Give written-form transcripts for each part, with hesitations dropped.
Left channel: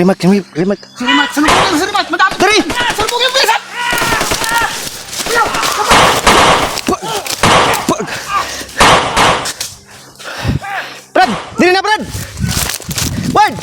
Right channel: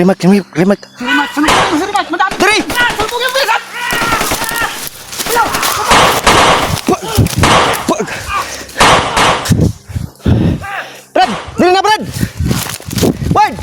Kalimat. Salimat. Madami. Dari! Sumbong yung bilisan. Brad! Dili na, Brad! Ward!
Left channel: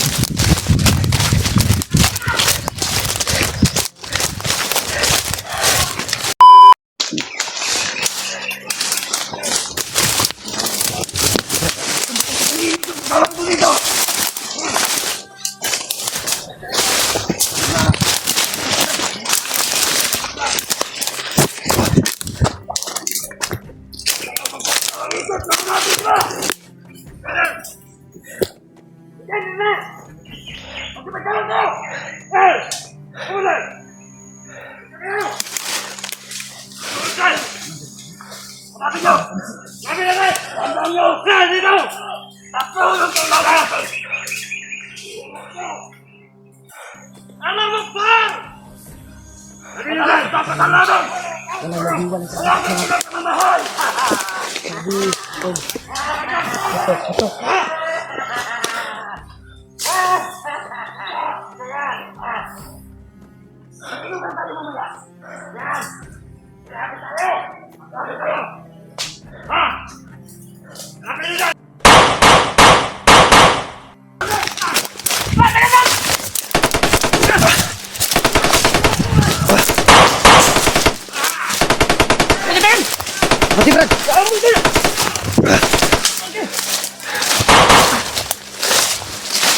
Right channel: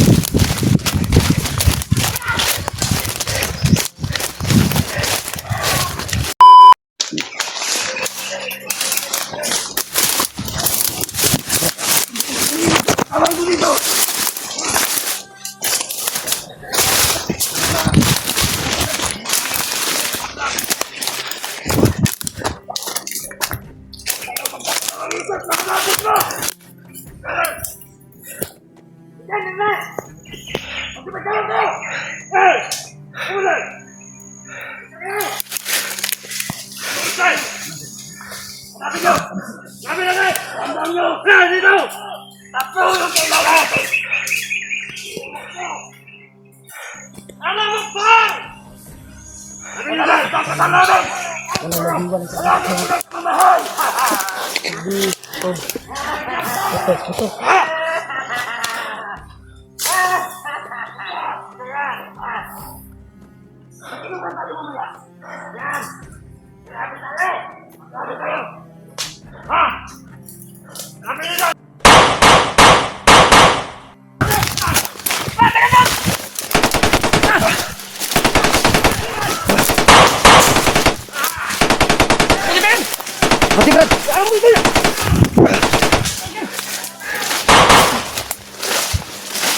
Mati, Brad!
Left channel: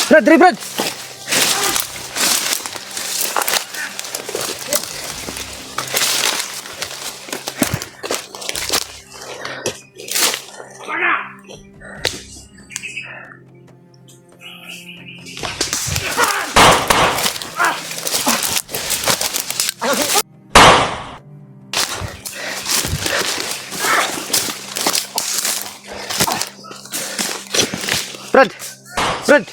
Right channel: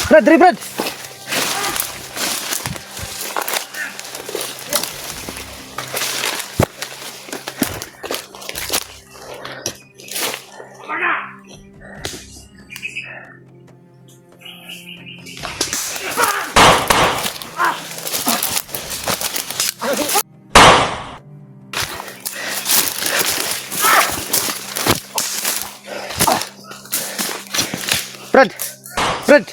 Brad, dari Brad! Brad! Brad! Brad!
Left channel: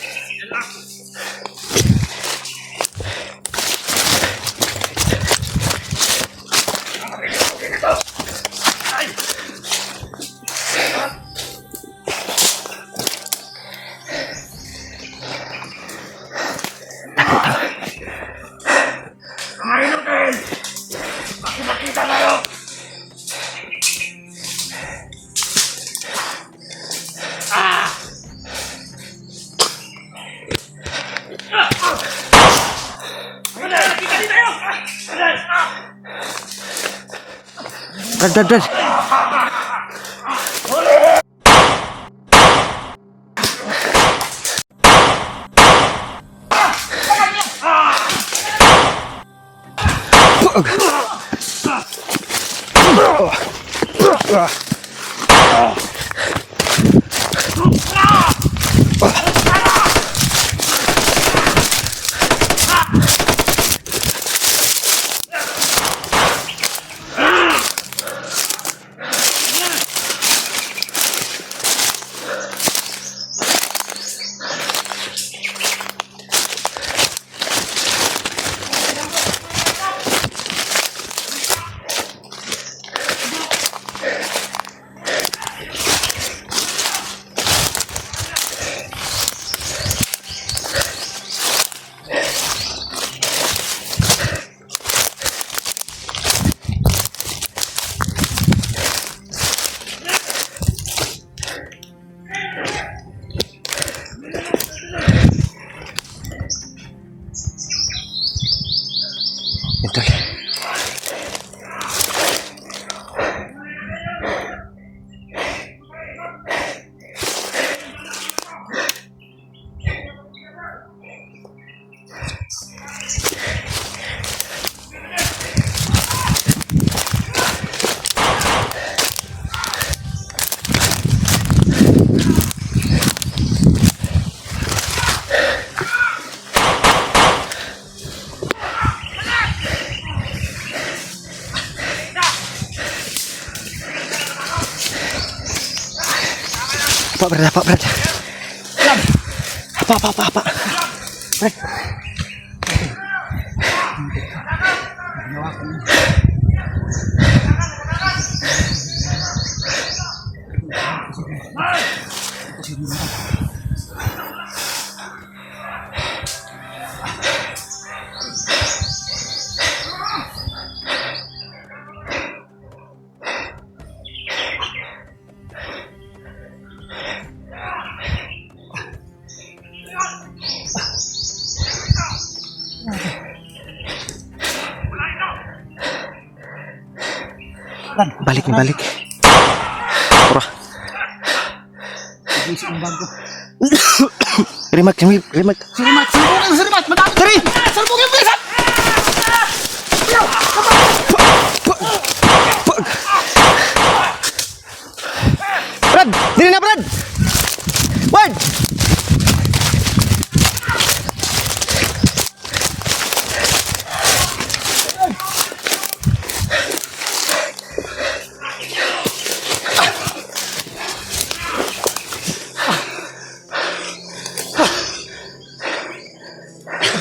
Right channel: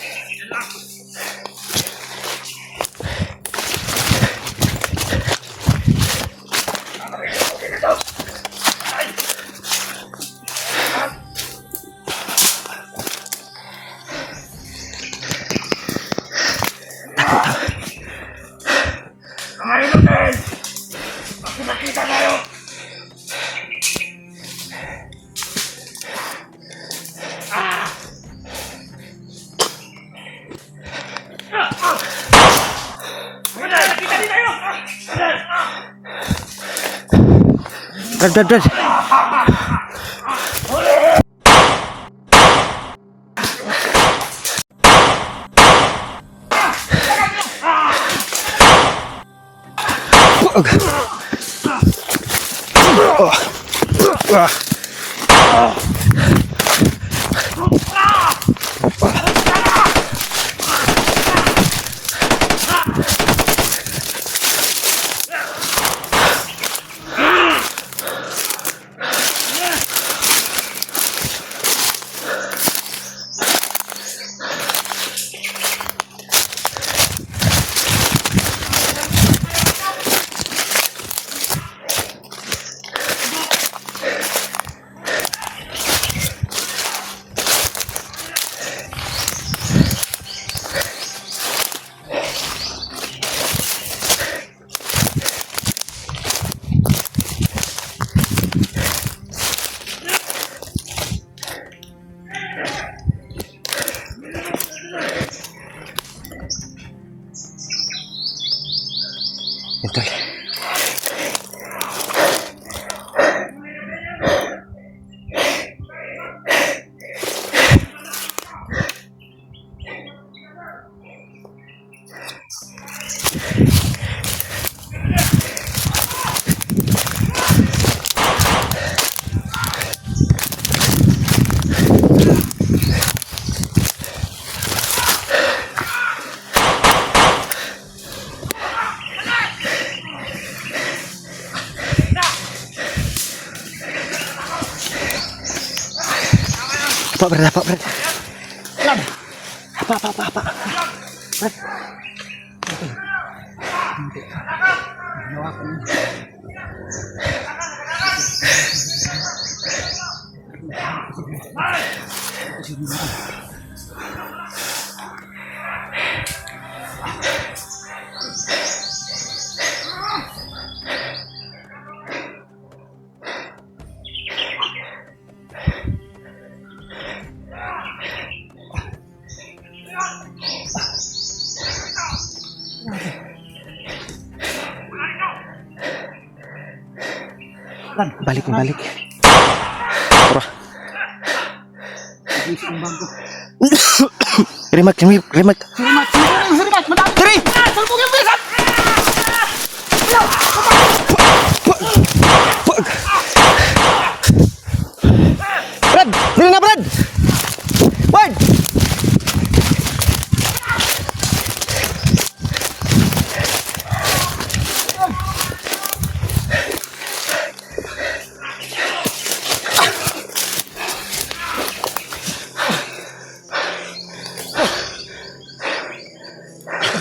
Betul. Apa Brad? Apa? Brad. Balik. Pura. Remat. Surimat! Surimat! Madami! Tari! Sulpong yung bilisan! Brad! Dili na, Brad! Brad!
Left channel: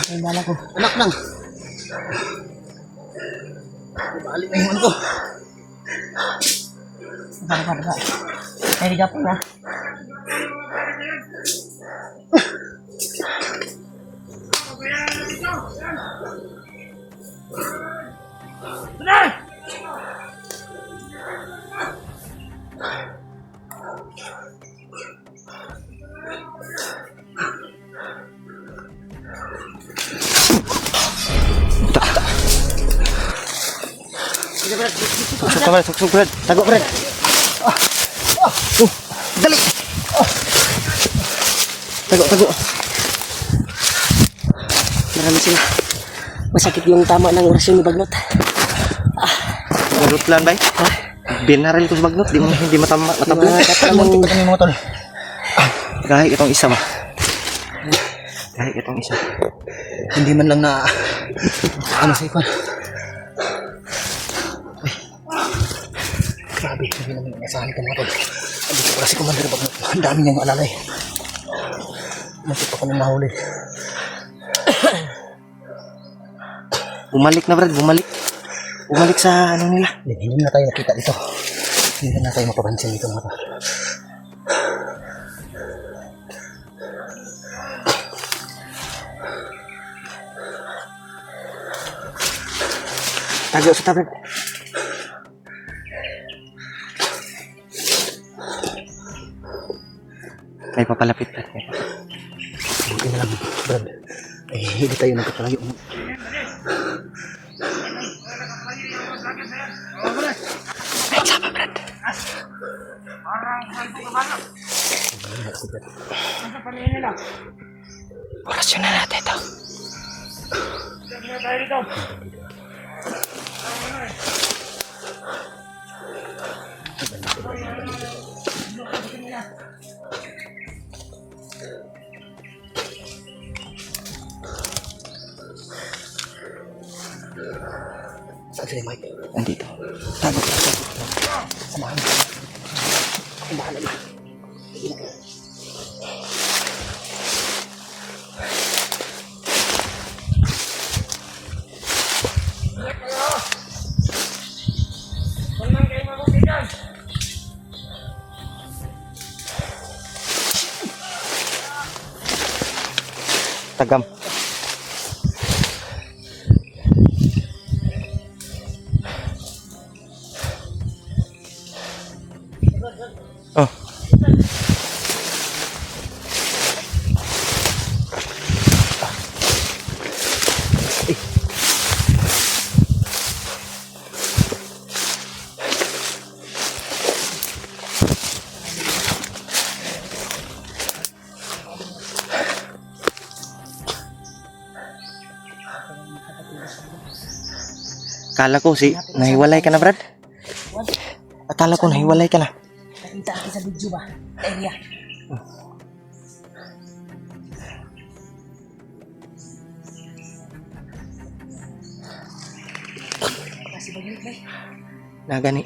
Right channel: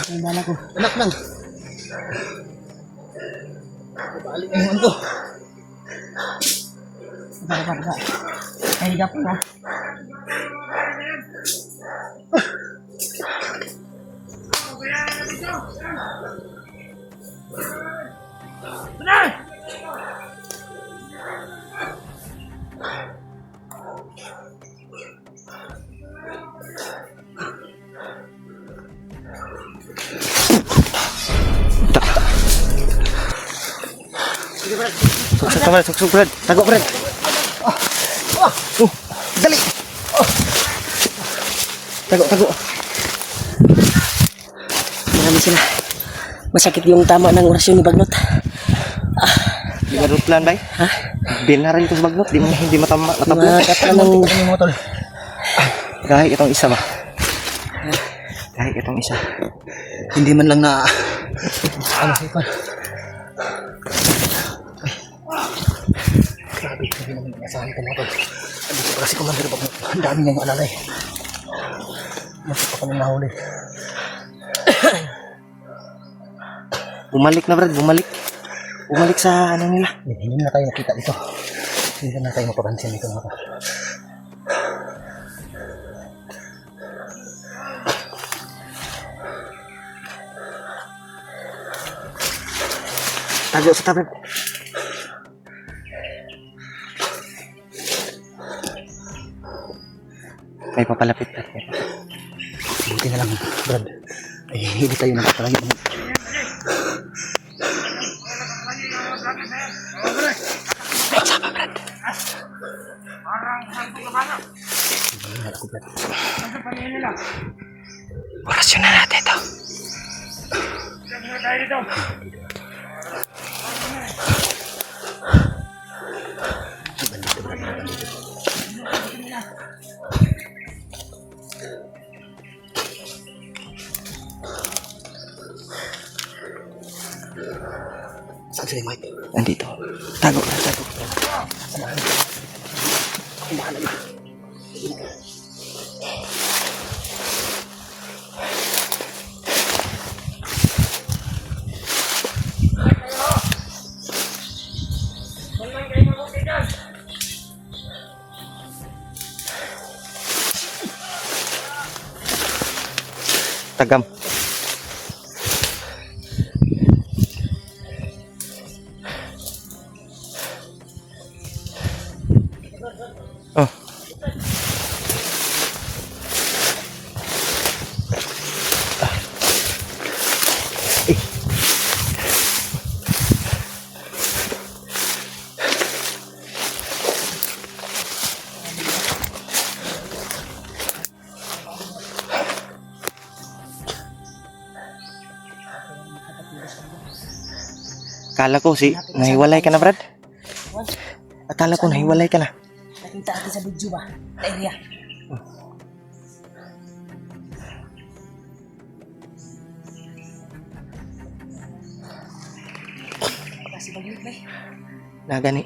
Ang bala ko. Anak nang. Balik na yung ko. Bala. Ay, di ka po na. Suksok, Brad. Tago, Brad. Dali. Tago. Marami sila. Masakit yung tama ng orasyon ni Bagnot. Ganun plan, bay? Ha? Binaril ko sa Bagnot. Hindi matablan. Muntik ka ng mga tol. Kahit itong isa ba? Hindi man lang na... Ano sa ikon? Grabe, hindi naman nasahan ka mga tol. Dito pa kasi Commander Bagnot. Ang dami niyang alalay. Muntik pa kami nahuli. Bumalik na, Brad. Bumalik sa ano nila. Hindi na tayo makita dito. Hindi na tayo mapapansin dito mga tol. Tago sa tablet. May papalapit, Brad. Hindi na lang, Brad. Ay, hindi tayo nakapalagi. Orasyon na natin ito. Saan sila, Mike? Nandito. Tago. Samahan. Tagam. Oh. Kala ko nahiwalay ka na, Brad. Akala ko nahiwalay ka na. Nakita natin sa video ba? Area. Kasi Bagnot ba? Nagani.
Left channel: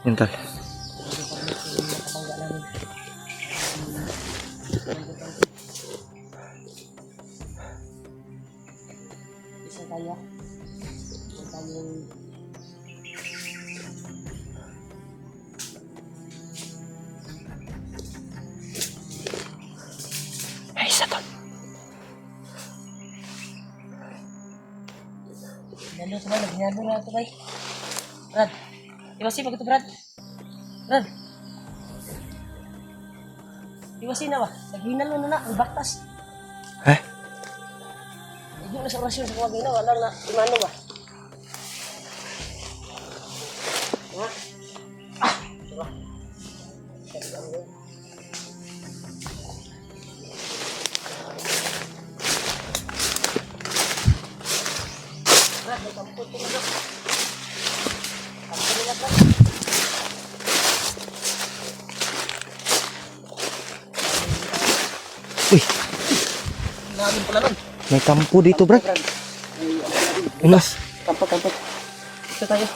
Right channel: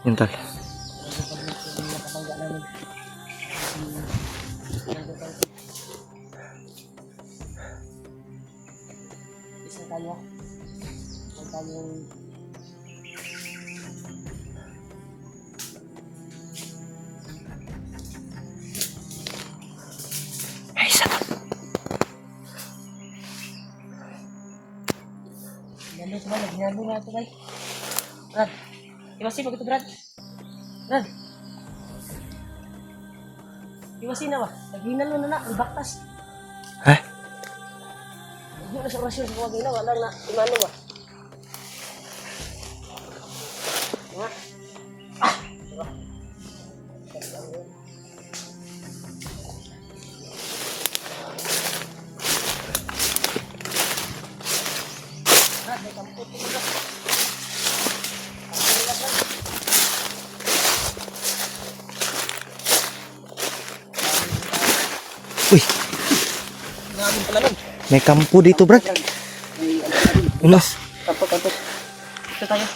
Yun, tol. Isa tayo. Isa tayong Ay, isa, tol. Ginalo na ito, bay. Brad. Iba si, pag ito, Brad. Brad. Iwasin na ba? Naghinal mo na ibaktas. Ha? Hindi na sa orasyon sa kawagay na, wala na, imano ba? Uy, Namin pala nun. may kampo dito, Brad. Unas, Kampo. Ito tayo.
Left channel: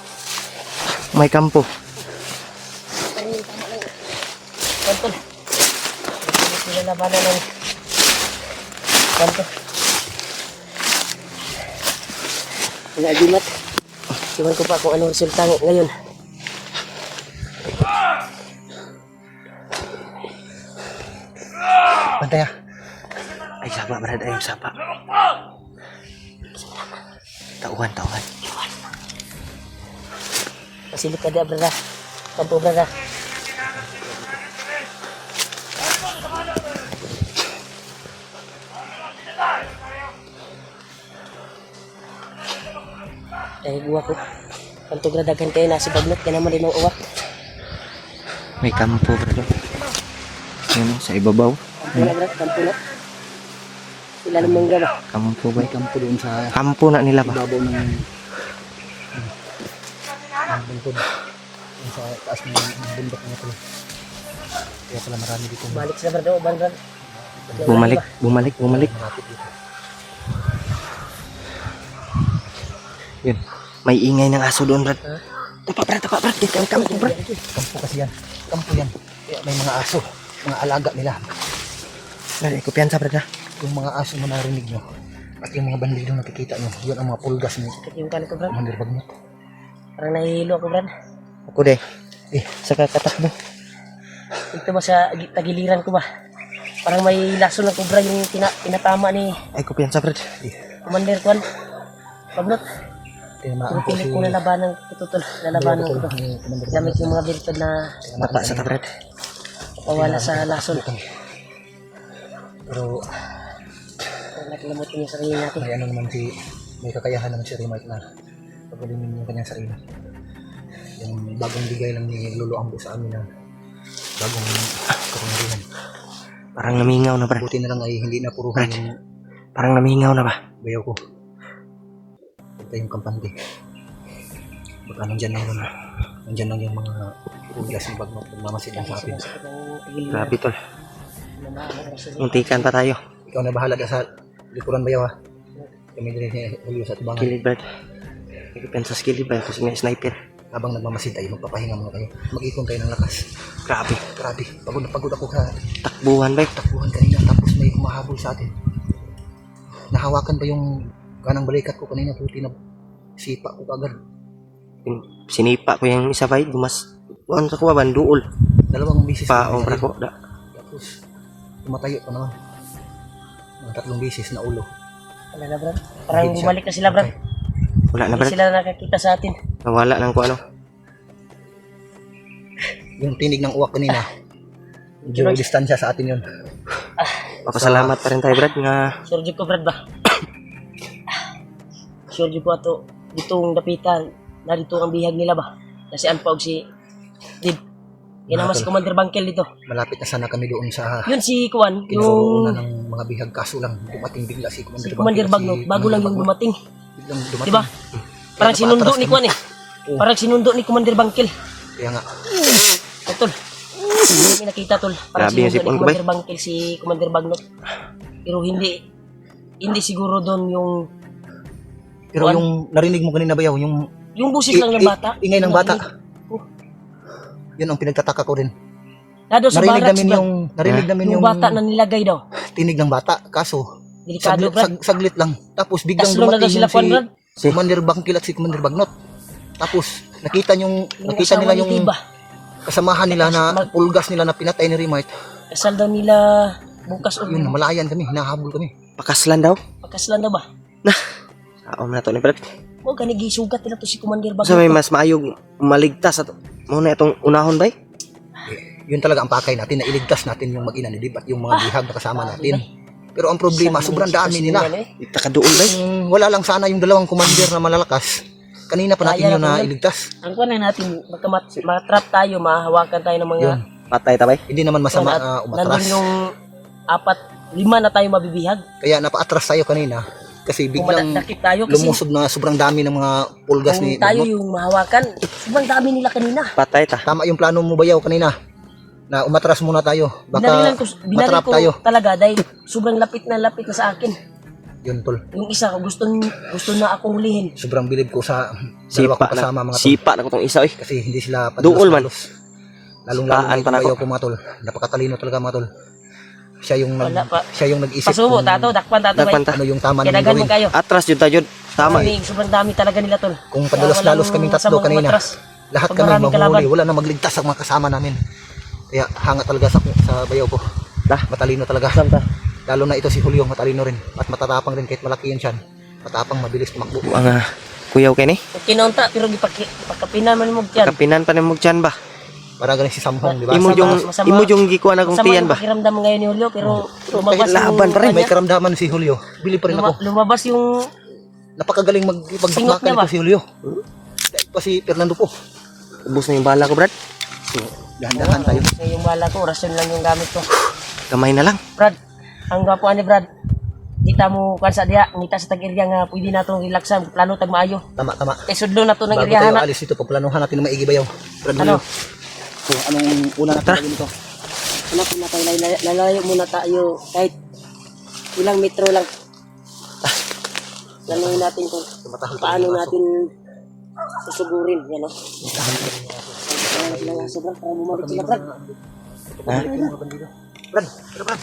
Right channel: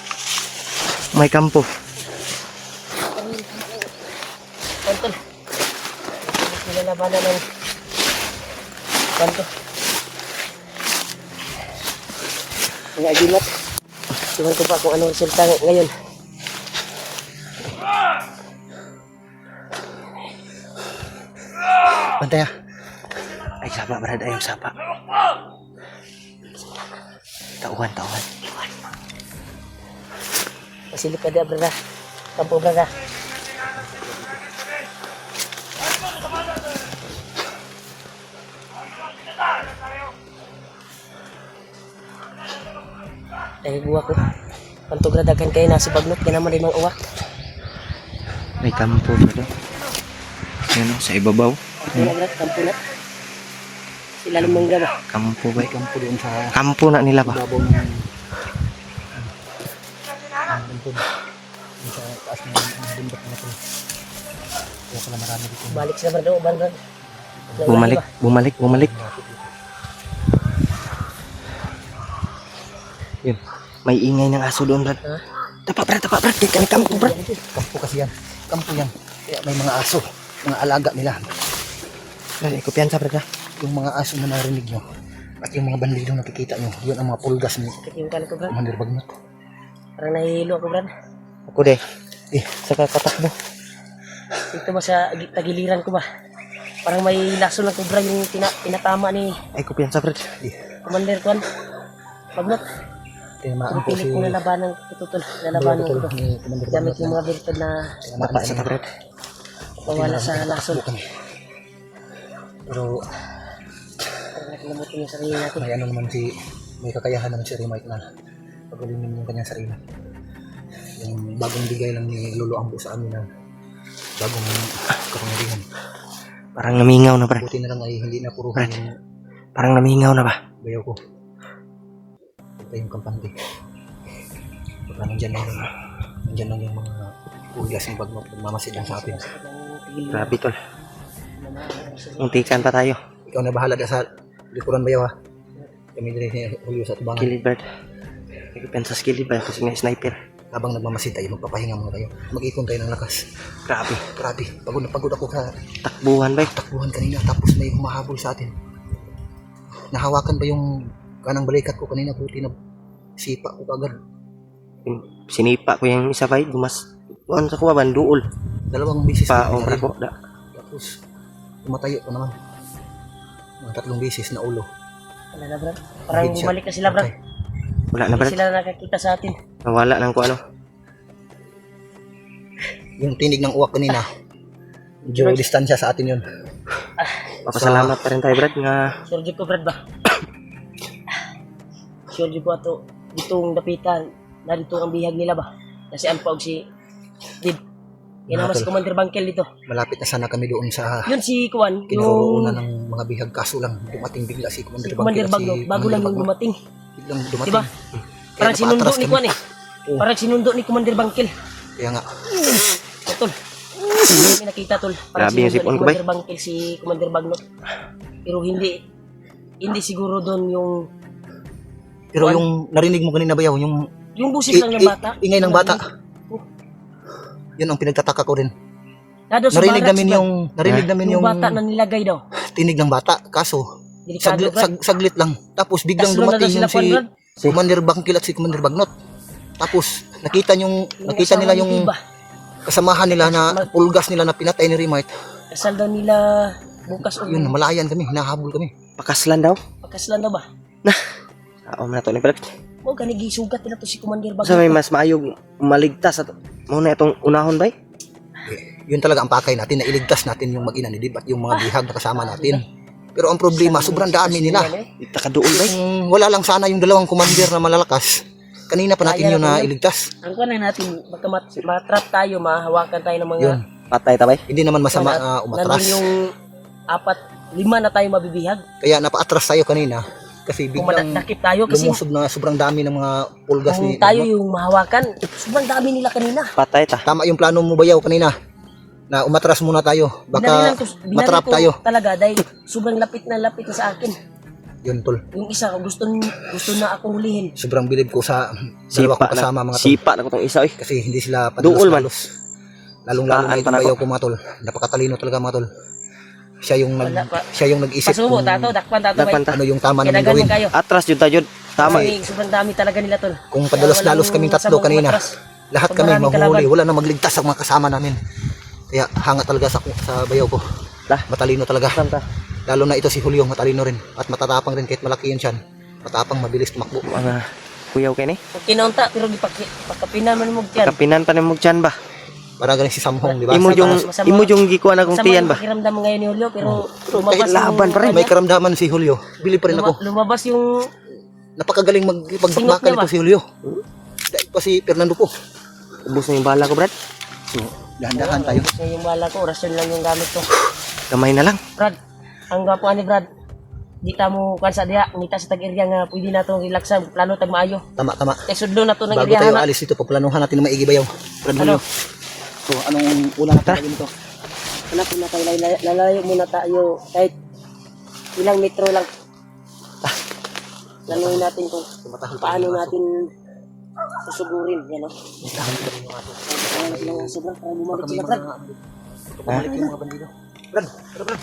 may kampo. Pantol. Pilit nila labanan ng panto. Mga agimat. Tingnan ko pa kung ano resulta ngayon. Bantay ah. Ay, sapa, Brad. Ay, sapa. Tauhan. Pasilip ka dia, brada. Kampo, brada. Eh, gua ko. Kanto gradagan kayo nasi bagnot ka naman limang uwak. May kampo, Brad. Yan o, sa ibabaw. Kampo na, brad. Kampo na. Sila lumangga ba? Kampo ba? Kampo doon sa Kampo na nila ba? babaw ng bundok. Yung sa taas ng bundok na ito. Kaya pala marami dito. Balik sila, brad. Brad. Bumalik. Yun. May ingay ng aso doon, Brad. Tapa, Brad. Kaya kampo, Brad. Kampo kasi yan. Kampo yan. Kaya may mga aso. Mga alaga nila. Brad, kumpiyansa, Brad, ha? Yung mga aso na narinig nyo. At yung mga bandido nakikita nyo. Yun ang mga pulgas ni Yung kanin ko, brad. Commander Bagnot. Parang nahihilo ako, brad. Ako de. Saka katakbo. Ito ba sa tagiliran ko ba? Parang may laso ng kubra yung pinatama ni Ay, kumpiyansa, Brad. Commander Kwan. Bagnot. Tinamaan po Pilit si ko nalabanan ito tol. Nalabanan ko ito. ni Commander Gamit yung mga birtod na Tapa sa ta, Brad. pawala sa lason. Pero Parang nakalimutin yung sarili natin. may ano naman may kakayahan naman si Remite na pagalimin yung kanyang sarili. Yung bagong bigay lang ni Lolo Ambo sa amin na bagong kapangyarihan. Parang namingaw na, Brad. Buti na lang ay hindi na puruhan Brad. yung Parang namingaw na ba? bayaw ko. Ito yung kampante. Baka nandyan lang yung mga pulgas ni Bagnot nagmamasid lang sa atin. Grabe, tol. Muntikan pa tayo. Ikaw na bahala ka sa likuran bayaw ha. Kami din ni Julio sa tubangan. Kilid, Brad. May kumpiyansa sa kilid, Brad. Kasi may sniper. Habang nagmamasid tayo, magpapahinga muna tayo. Mag-ipon tayo ng lakas. Grabe. Grabe, pagod na pagod ako sa Takbuhan, ba? takbuhan kanina. Tapos may humahabol sa atin. Nahawakan pa yung kanang balikat ko kanina. Puti na sipa ko agad. Sinipa ko yung isa, ba? Dumas. Buwan sa kuwa, banduol. Dalawang bisis. Paong, Brad ko. Tapos tumatayo pa naman. Mga 3 bisis na ulo. Wala na, brad. Parang bumalik na sila, brad. Wala na, Hindi Brad. sila nakakita sa atin. Nawala ng kung ano. Yung tinig ng uwak kanina. Medyo distansya sa atin yun. Papasalamat pa rin tayo, Brad, nga Sure ko, brad ba? Sure ko ato. Ditong dapitan. Na dito ang bihag nila ba? Kasi Alpa og si Dib. Yan naman si Commander Bangkel dito. Malapit na sana kami doon sa Yun si Kwan, kinaroroonan yung ng mga bihag. Kaso lang dumating bigla si si Commander Commander Bangkil. Bagnot. Bago lang yung dumating. Biglang dumating. Diba? Parang sinundo ni Kwan eh. Oo. Parang sinundo ni Commander Bangkel. Kaya nga, Tol. May nakita tol. Grabe yung sipon ko, bay. Commander Bangkel si Commander Bagnot. Pero hindi siguro doon yung pero yung narinig mo kanina bayaw, yung busis lang ng bata. ingay ng bata. Yun ang pinagtataka ko rin. Nado sa Narinig barracks, namin bro. yung Yung bata na nilagay daw. tinig ng bata. Kaso, Delikado, brad. saglit lang. Tapos biglang Taslo na daw dumating sila, yung Kwan, brad. si Commander Bangkil at si Commander Bagnot. Tapos, nakita nila yung Iba. kasamahan nila na pulgas nila na pinatay ni Remite. Kasal daw nila bukas o Yun, malayan kami, hinahabol kami. pakaslan daw. pagkaslan daw ba? Aom na to ni Brad. Huwag ka nagisugat nila to si Commander Sa may Bagnot. mas maayog maligtas at muna itong unahon, bay. Yun talaga ang pakay natin, na iligtas natin yung mag-ina ni Dib at yung mga bihag na kasama natin. Pero ang problema, sobrang dami nila. Ita ka doon ba? Kung wala lang sana yung dalawang commander na malalakas, kanina pa natin yun na iligtas. Ang kuha na natin, baka matrap tayo, mahawakan tayo ng mga... Yun, Patay tabay. hindi naman masama nandun umatras. yung 4, 5 na tayo mabibihag. Kaya napaatras tayo kanina kasi Kung biglang madakip tayo kasi lumusog na sobrang dami ng mga pulgas kung ni tayo yung mahawakan, sobrang dami nila kanina. Patay ta. Tama yung plano mo Bayaw kanina na umatras muna tayo, Binarilan baka binaril matrap ko tayo. talaga dahil sobrang lapit na sa akin. Yun tol, Yung isa, gusto na akong hulihin. sobrang bilib ko sa dalawa Sipa kong kasama na. mga tol, Sipa na ko tong isa eh. kasi hindi sila Duol man. lalong Sipaan pa na Bayaw ako. ko mga tol, napakatalino talaga mga tol. Siya yung Wala pa. nag-isip Pasubo, kung tato, dakpan tato. Dakpan ta. ano yung tama nilang Kinagan gawin. man kayo. Atras yun tayo. Tama eh. Kasi sobrang dami talaga nila tol. Kung Kaya padalos-dalos walang kaming tatlo masamang kanina, umatras. lahat Pag kami maraming mahuli, kalaban. wala na magligtas sa mga kasama namin. Kaya hanga talaga sa Bayaw ko. Dah. Matalino talaga. Sam ta. Lalo na ito si Julio, matalino rin. At matatapang rin kahit malaki yun siya. Matapang, mabilis tumakbo. Mga kuyaw kay ni. Kung kinaunta, pero pagkapinan man mo dyan. Kapinan pa ni mo dyan ba? Parang galing si Samhong, di ba? Imo yung Masama- imo yung gikuan akong Sama tiyan yung ba? pakiramdam ngayon ni Julio, pero lumabas laban pa rin. May karamdaman si Julio. Bili pa rin ako. lumabas yung Napakagaling Singot magbakbakan niya ba? ito si Julio. Dahil pa si Fernando po. Ubus na yung bala ko, Brad. So, dahan-dahan tayo. sa yung bala ko, rasyon lang yung gamit ko. Kamay na lang. Brad, ang gapo ni Brad, kita mo kansa diha, ngita sa tag-area nga pwede na itong relaxan, plano tag maayo. Tama, tama. Kay sudlo na to ng Bago area tayo na. alis dito, paplanuhan natin na maigi Bayaw. Brad Ano? Julio. So, anong una natin gawin ito? Hanap na tayo, lalayo muna tayo kahit ilang metro lang. Planuhin natin kung paano natin susugurin, yan o. Kaya sila nga sobrang para bumalik sila, Brad. Ha? Brad, Brad.